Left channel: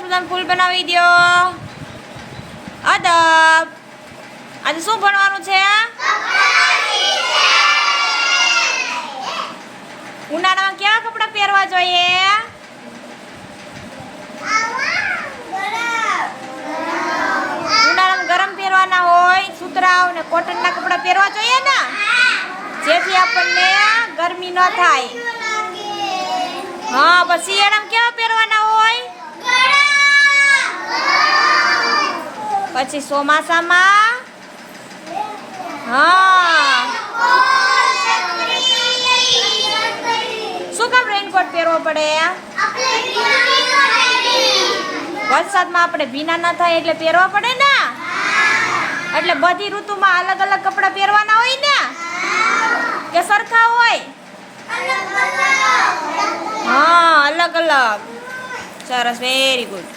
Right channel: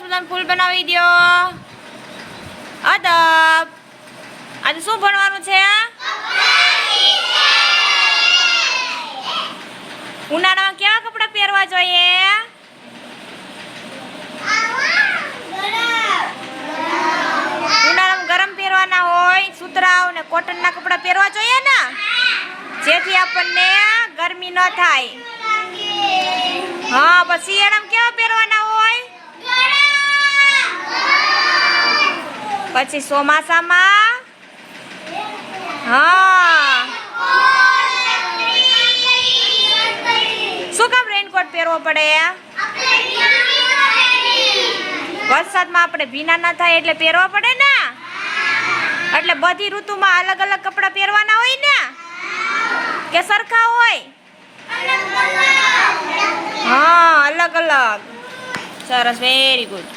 મસ્ત મજાનું ફૂલ બનાવી દો. અદબ. આજે શું ભણવાનું છે? ઉનાળામાં કેવા કપડાં પહેરવા જોઈએ? ઉનાળામાં ગરમ પહેરવાના હોય, સુતરાઉ ને કોટનના કપડાં પહેરવા જોઈએ ને, જેથી આપણને ગરમી ન થાય. હા, પછી શિયાળામાં કેવા પહેરવાના હોય? પછી ચોમાસામાં હા શું કામ રેનકોટ પહેરવો પડે? વરસાદમાં આપણે ભીના ના થાય એટલે પહેરવા પડે ને. એટલે બધી ઋતુમાં અલગ અલગ કપડાં પહેરવાના હોય ને, કે સરખા હોય? હા, અલગ અલગ. સરસ, વેરી ગુડ.